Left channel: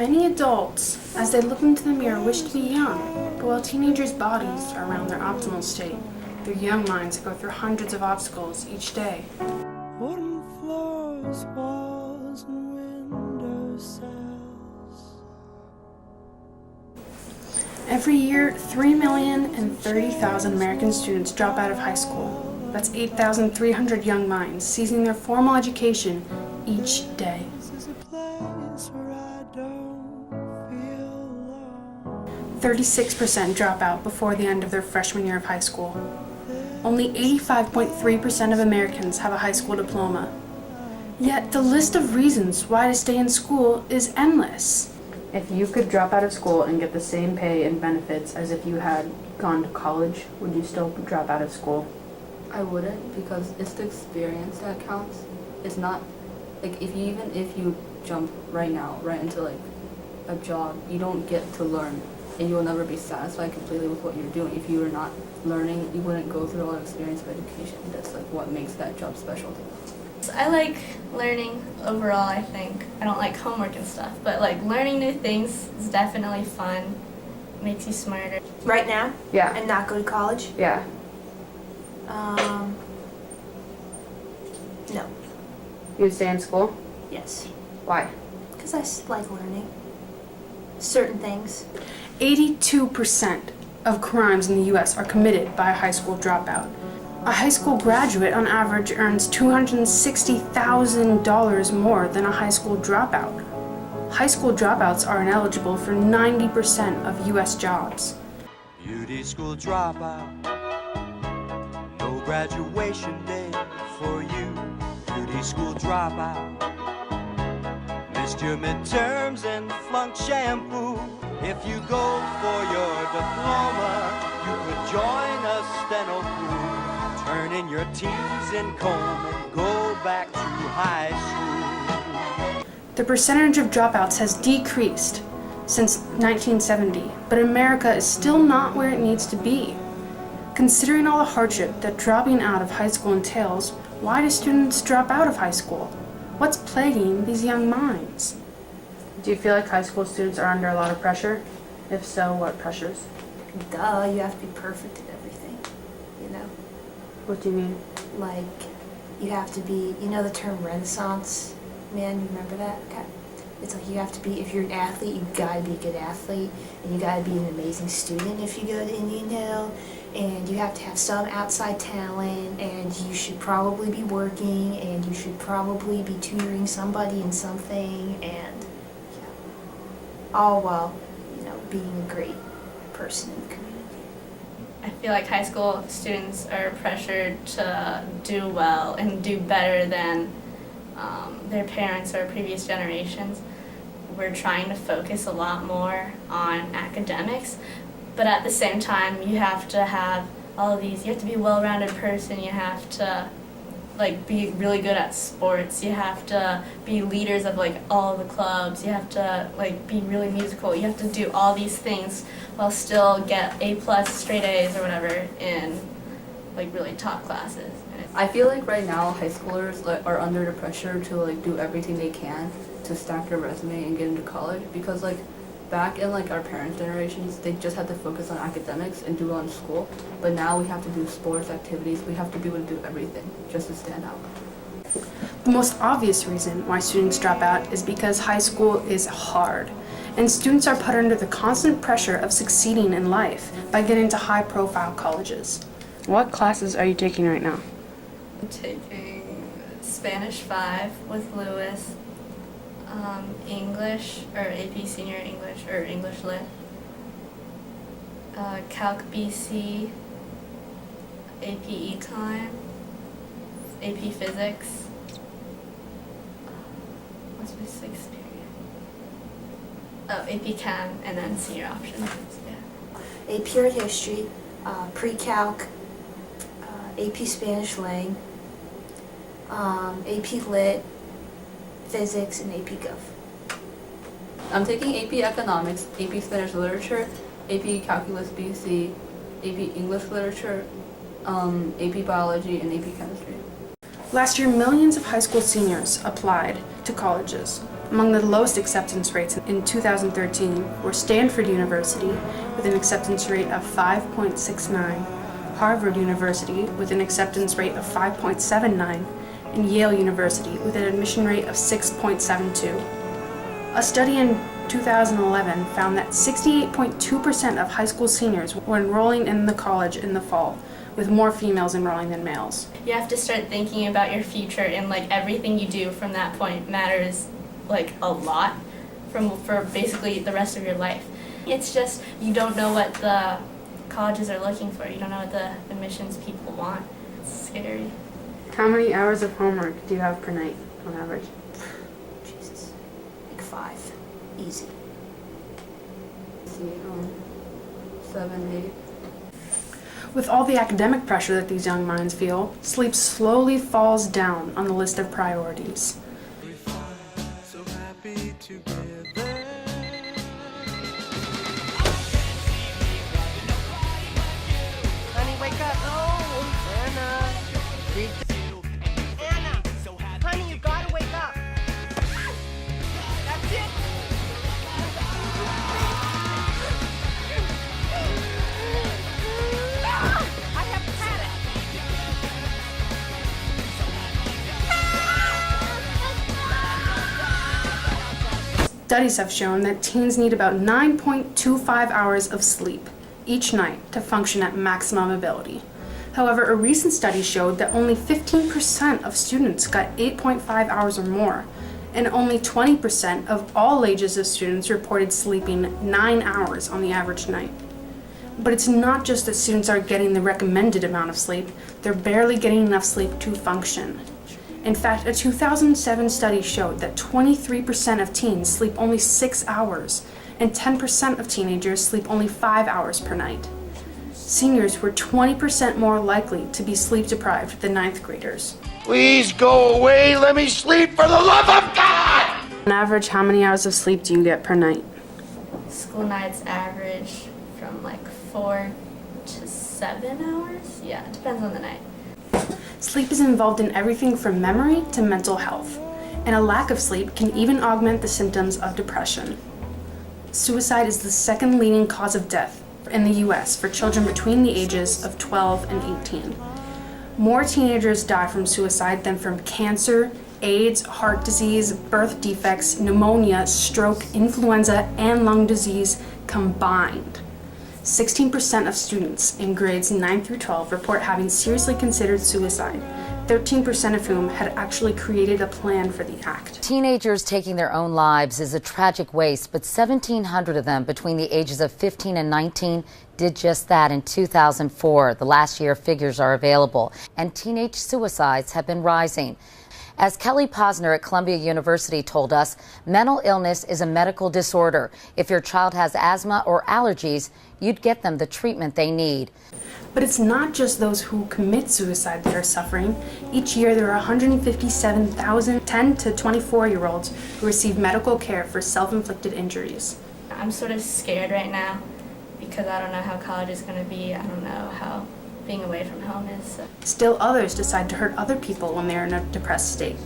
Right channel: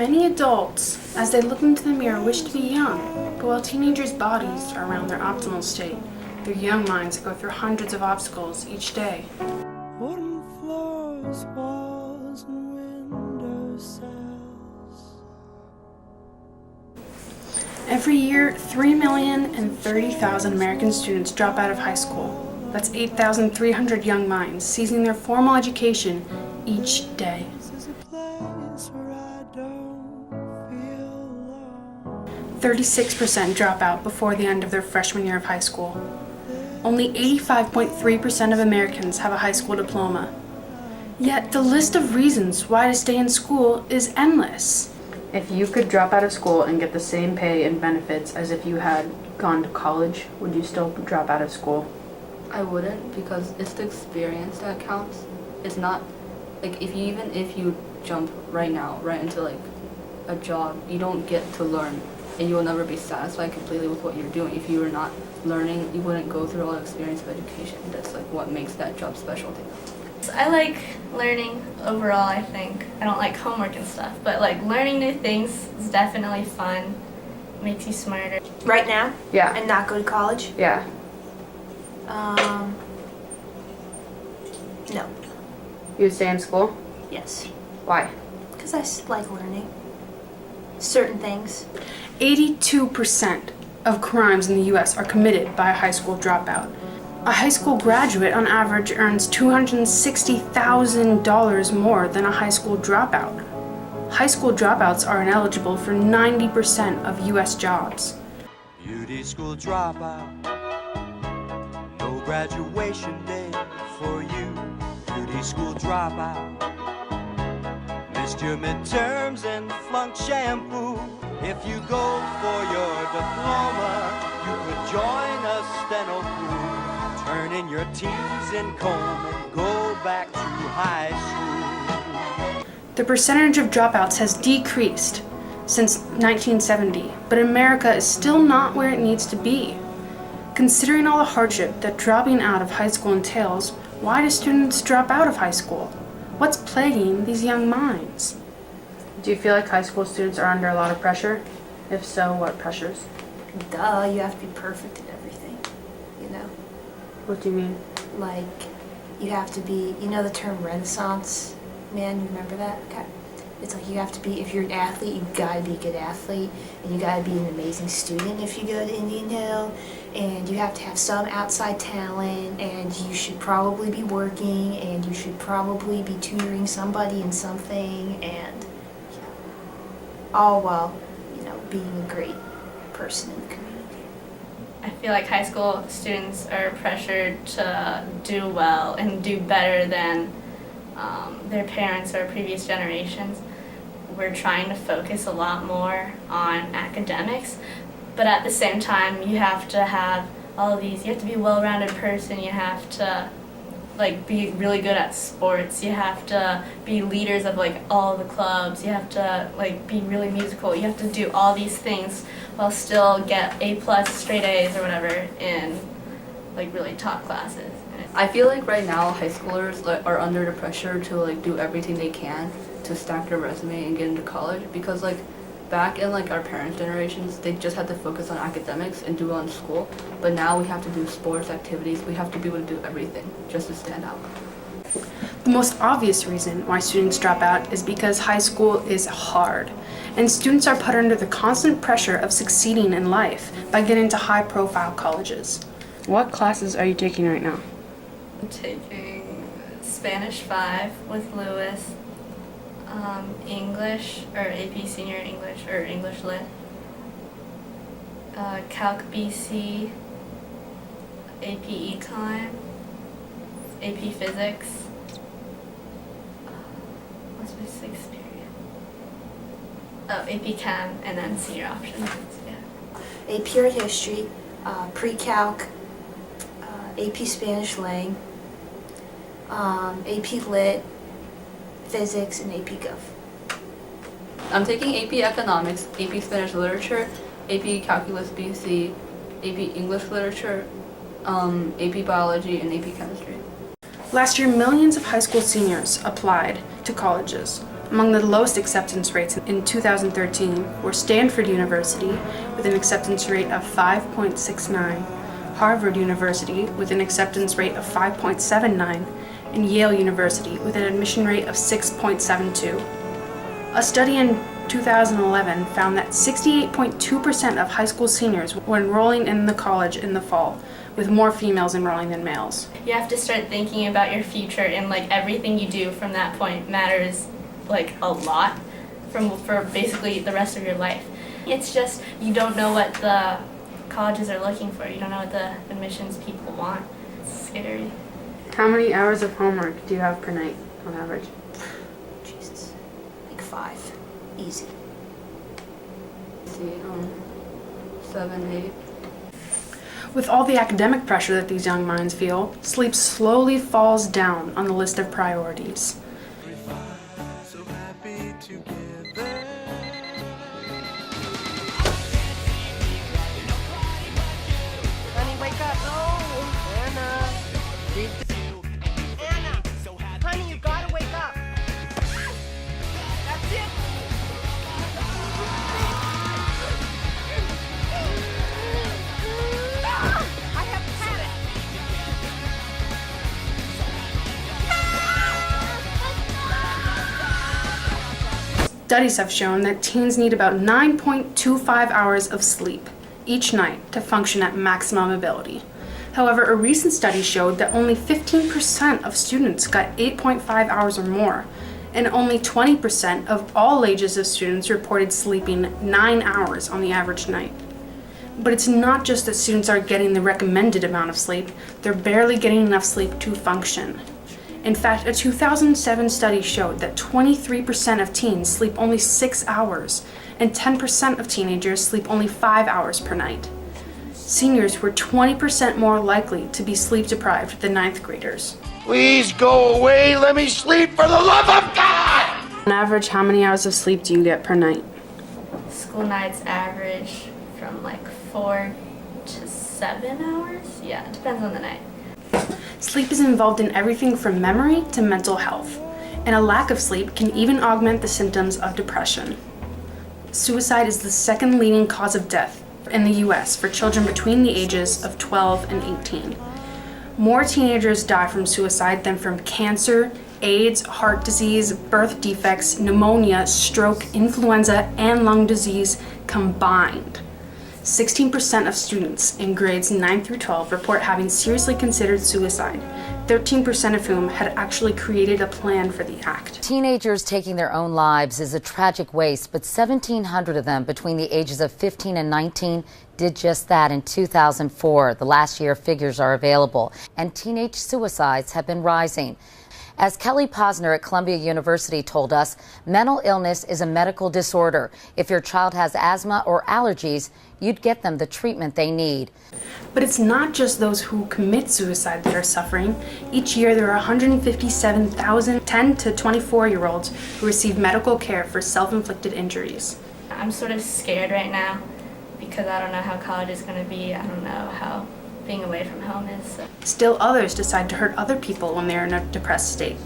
Many adults, as they look into the mirror, wish to be young, but while teenagers' bodies are around their optimal state, their young minds go through hundreds of obstacles each day. Wooden floors, walls, and windowsills. Every year, 3,030,000 American students drop out of high school. That's 8,300 young minds ceasing their formal education each day. This is a place where I don't feel alone. 36% drop out before the end of their freshman year of high school. Only 85.3% of Americans have a high school diploma. Yet the list of reasons why to stay in school is endless. If you could drop out of school and get the same pay and benefits as if you had gone to college, would you still drop out of school? I wouldn't, because it's the experience that counts. It's not like if you jump right now right into like a job, you don't get to learn, and you will never be satisfied completely with what you're doing. If you were not learning, you wouldn't go through all the experience of education. That's like what makes that job special to you. I like learning overall, I think. I don't like homework and stuff, but like learning new things is definitely fun. Makes you smarter. Right now? Yeah. And not go to college? Yeah. No. You would stay in school? Yes. Why? Because I like learning certain things. 82% of crimes in the U.S. are committed by a high school dropout. A high school graduate on average earns $260,000 more than a high school dropout. High school dropouts are ineligible for 90% of U.S. jobs. Beauty school dropout. No graduation day for you. Beauty school dropout. Missed your midterms and flunked shampoo. If you go for your diploma, you could join a steno crew. Turn in your T's and comb and go back to high school. The percentage of dropouts has decreased since 1970, but America is still not where it needs to be. Considering all the hardship that dropping out of high school entails, why do students drop out of high school? What's plaguing these young minds? Do you feel like high school students are under a lot of pressure? If so, what pressures? Duh, you have to be perfect at everything, you know? What do you mean? Like, you have to be, you know the term Renaissance man, you remember that? Okay. It's like you have to be, if you're an athlete, you gotta be a good athlete, and you gotta be an amazing student if you go to Indian Hill, and you have to have some outside talent, and you should probably be working, and you should probably be tutoring somebody in something, and all while, you know, being a great person in the community. I feel like high school students are pressured to do well and do better than their parents or previous generations. We're trying to focus a lot more on academics, but at the same time you have to have all of these, you have to be a well-rounded person, you have to like be really good at sports, you have to be leaders of like all the clubs, you have to like be really musical, you have to do all these things while still get A+ straight A's or whatever in like really top classes. I feel like right now high schoolers are under the pressure to like do everything they can to stack their resume and get into college, because like back in like our parents' generations, they just had to focus on academics and do well in school, but now we have to do sports activities, we have to be able to do everything just to stand out. The most obvious reason why students drop out is because high school is hard, and students are put under the constant pressure of succeeding in life by getting to high-profile colleges. What classes are you taking right now? I'm taking Spanish 5 with Lewis, English, or AP Senior English, or English Lit, Calc BC, AP Econ, AP Physics, what's my 6th period? Oh, AP Chem, and then Senior Options, yeah. AP Art History, Pre-Calc, AP Spanish Lang, AP Lit, Physics, and AP Gov. I'm taking AP Economics, AP Spanish Literature, AP Calculus BC, AP English Literature, AP Biology, and AP Chemistry. Last year, millions of high school seniors applied to colleges. Among the lowest acceptance rates in 2013 were Stanford University with an acceptance rate of 5.69, Harvard University with an acceptance rate of 5.79, and Yale University with an admission rate of 6.72. A study in 2011 found that 68.2% of high school seniors were enrolling in the college in the fall, with more females enrolling than males. You have to start thinking about your future, and like everything you do from that point matters like a lot for basically the rest of your life. It's just you don't know what the colleges are looking for. You don't know what the admissions people want. It's scary. How many hours of homework do you have per night on average? Jesus. Like 5. Easy. See, 7, 8. With all the academic pressure that these young minds feel, sleep slowly falls down on the list of priorities. So happy together. Honey, wake up. No. Anna. Anna. Honey, you gotta wake up. That's it. I have had it. Studies have shown that teens need about 9.25 hours of sleep each night to function at maximum ability. However, a recent study showed that only 15% of students got 8.5 hours or more, and only 20% of all ages of students reported sleeping 9 hours on the average night. But it's not just that students are getting the recommended amount of sleep, they're barely getting enough sleep to function. In fact, a 2007 study showed that 23% of teens sleep only 6 hours, and 10% of teenagers sleep only 5 hours per night. Seniors were 20% more likely to be sleep deprived than 9th graders. Please go away. Let me sleep for the love of God! On average, how many hours of sleep do you get per night? School nights average from like 4 to 7 hours. Yeah, it depends on the night. Sleep is involved in everything from memory to mental health, and a lack of sleep can even augment the symptoms of depression. Suicide is the second leading cause of death in the US for children between the ages of 12 and 18. More teenagers die from suicide than from cancer, AIDS, heart disease, birth defects, pneumonia, stroke, influenza, and lung disease combined. 16% of students in grades 9 through 12 report having seriously considered suicide, 13% of whom had actually created a plan for the act. Teenagers taking their own lives is a tragic waste, but 1,700 of them between the ages of 15 and 19 did just that in 2004. The last year figures are available, and teenage suicides have been rising. As Kelly Posner at Columbia University told us, mental illness is a medical disorder. If your child has asthma or allergies, you'd get them the treatment they need. But it's not just those who commit suicide that are suffering. Each year there are 157,000 10 to 24-year-olds who receive medical care for self-inflicted injuries. I'm sort of scared right now because I don't know how college is going to be. I don't know how being away from home is. Still others decide to hurt other people when they're in a depressed state.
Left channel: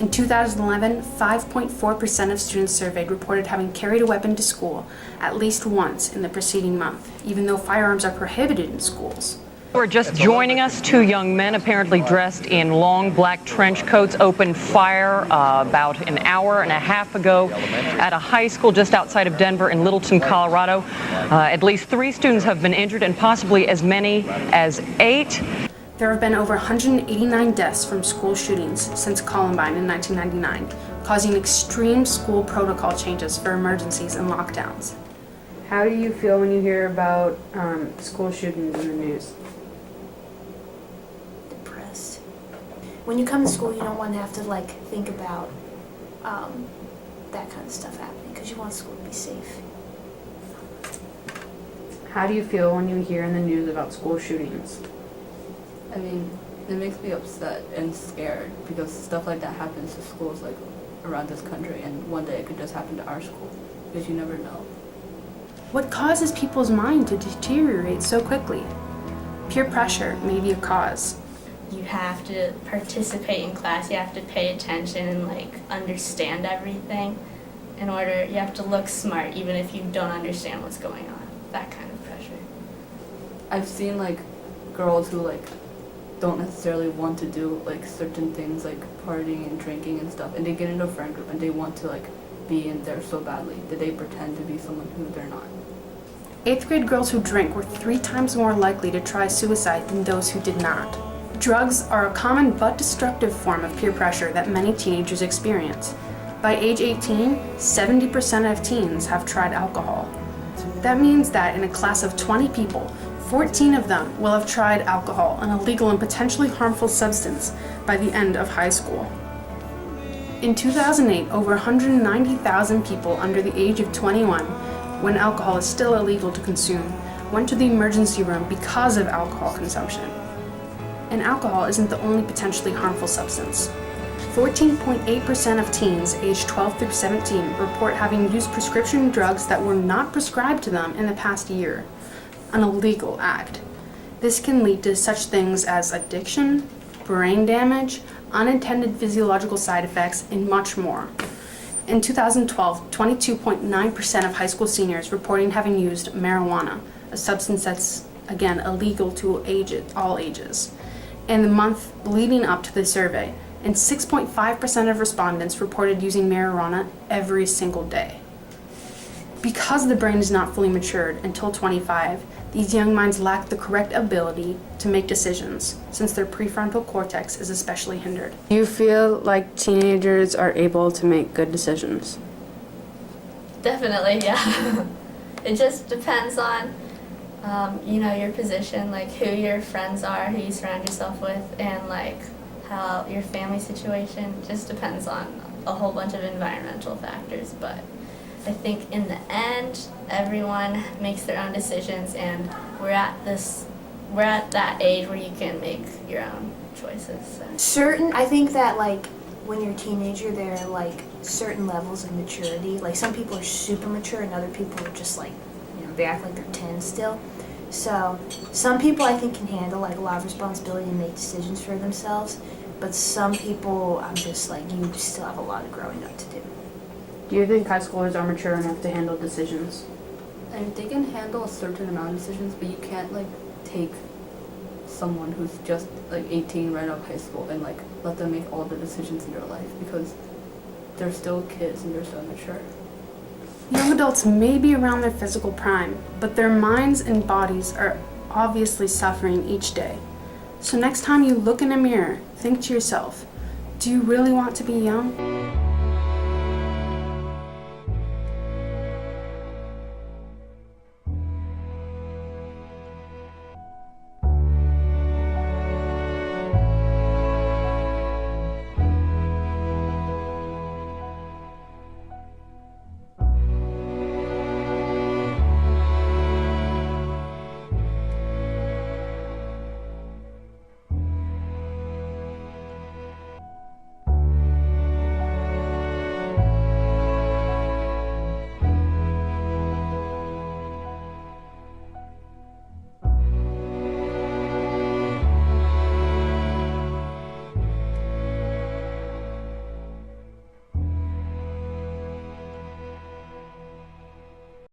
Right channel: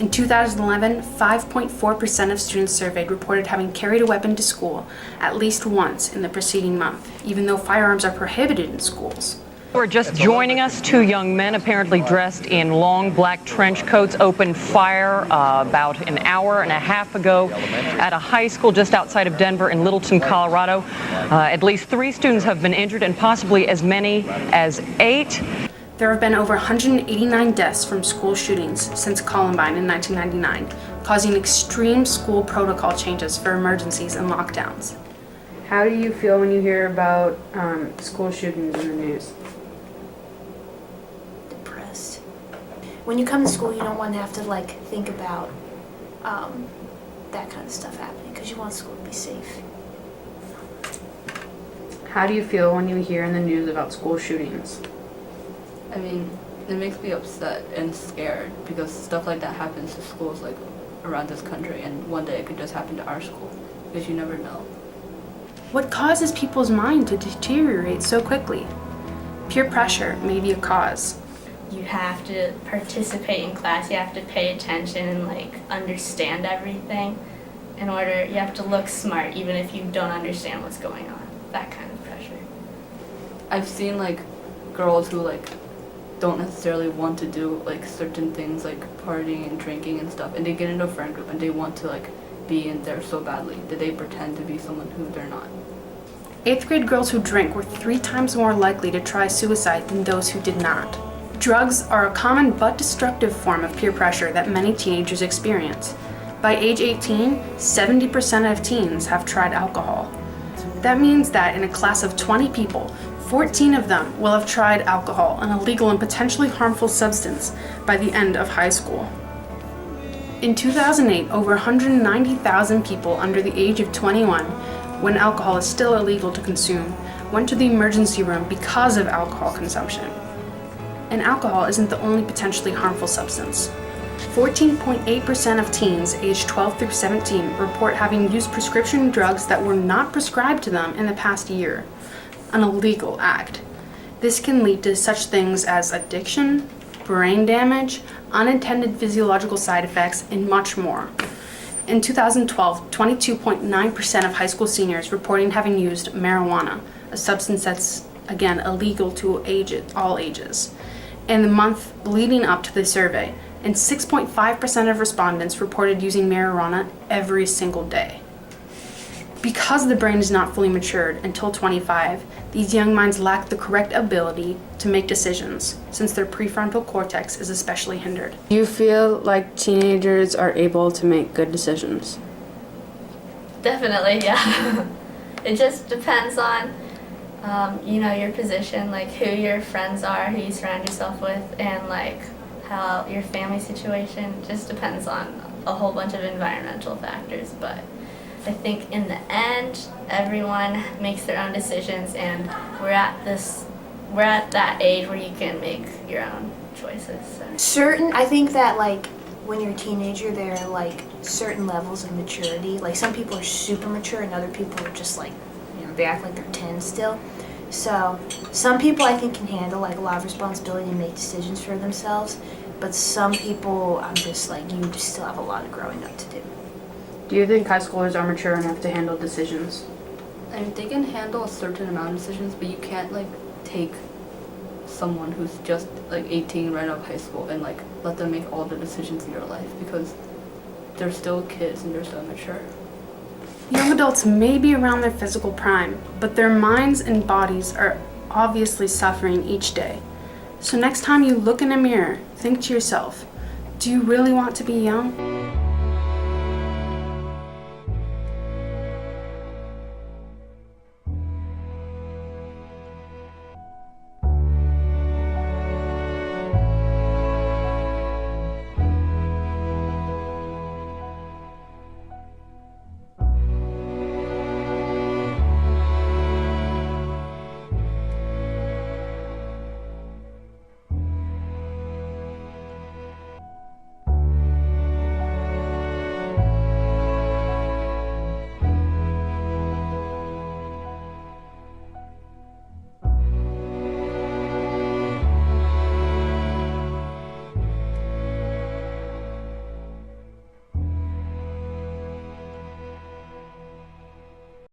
In 2011, 5.4% of students surveyed reported having carried a weapon to school at least once in the preceding month, even though firearms are prohibited in schools. We're just joining us. 2 young men, apparently dressed in long black trench coats, opened fire about an hour and a half ago at a high school just outside of Denver in Littleton, Colorado. At least 3 students have been injured and possibly as many as 8. There have been over 189 deaths from school shootings since Columbine in 1999, causing extreme school protocol changes for emergencies and lockdowns. How do you feel when you hear about school shootings in the news? Depressed. When you come to school, you don't want to have to think about that kind of stuff happening because you want school to be safe. How do you feel when you hear in the news about school shootings? I mean, it makes me upset and scared because stuff like that happens to schools around this country, and one day it could just happen to our school because you never know. What causes people's mind to deteriorate so quickly? Peer pressure may be a cause. you have to participate in class, you have to pay attention and like understand everything in order, you have to look smart even if you don't understand what's going on. That kind of pressure. I've seen like girls who like don't necessarily want to do like certain things like partying and drinking and stuff, and they get into a friend group and they want to like be in there so badly that they pretend to be someone who they're not. 8th grade girls who drink were 3 times more likely to try suicide than those who did not. Drugs are a common but destructive form of peer pressure that many teenagers experience. By age 18, 70% of teens have tried alcohol. That means that in a class of 20 people, 14 of them will have tried alcohol, an illegal and potentially harmful substance, by the end of high school. In 2008, over 190,000 people under the age of 21, when alcohol is still illegal to consume, went to the emergency room because of alcohol consumption. And alcohol isn't the only potentially harmful substance. 14.8% of teens aged 12 through 17 report having used prescription drugs that were not prescribed to them in the past year, an illegal act. This can lead to such things as addiction, brain damage, unintended physiological side effects, and much more. In 2012, 22.9% of high school seniors reporting having used marijuana, a substance that's, again, illegal to all ages, in the month leading up to the survey, and 6.5% of respondents reported using marijuana every single day. Because the brain is not fully matured until 25, these young minds lack the correct ability to make decisions, since their prefrontal cortex is especially hindered. Do you feel like teenagers are able to make good decisions? Definitely, yeah. It just depends on, your position, like who your friends are, who you surround yourself with, and like how your family situation. Just depends on a whole bunch of environmental factors, but I think in the end, everyone makes their own decisions, and we're at that age where you can make your own choices. So. I think that like when you're a teenager, there are like certain levels of maturity. Like some people are super mature and other people are just like, they act like they're 10 still. So some people I think can handle like a lot of responsibility and make decisions for themselves, but some people I'm just like, you still have a lot of growing up to do. Do you think high schoolers are mature enough to handle decisions? I mean, they can handle a certain amount of decisions, but you can't like take someone who's just like 18 right out of high school and like let them make all the decisions in your life, because they're still kids and they're still immature. Young adults may be around their physical prime, but their minds and bodies are obviously suffering each day. So next time you look in a mirror, think to yourself, do you really want to be young?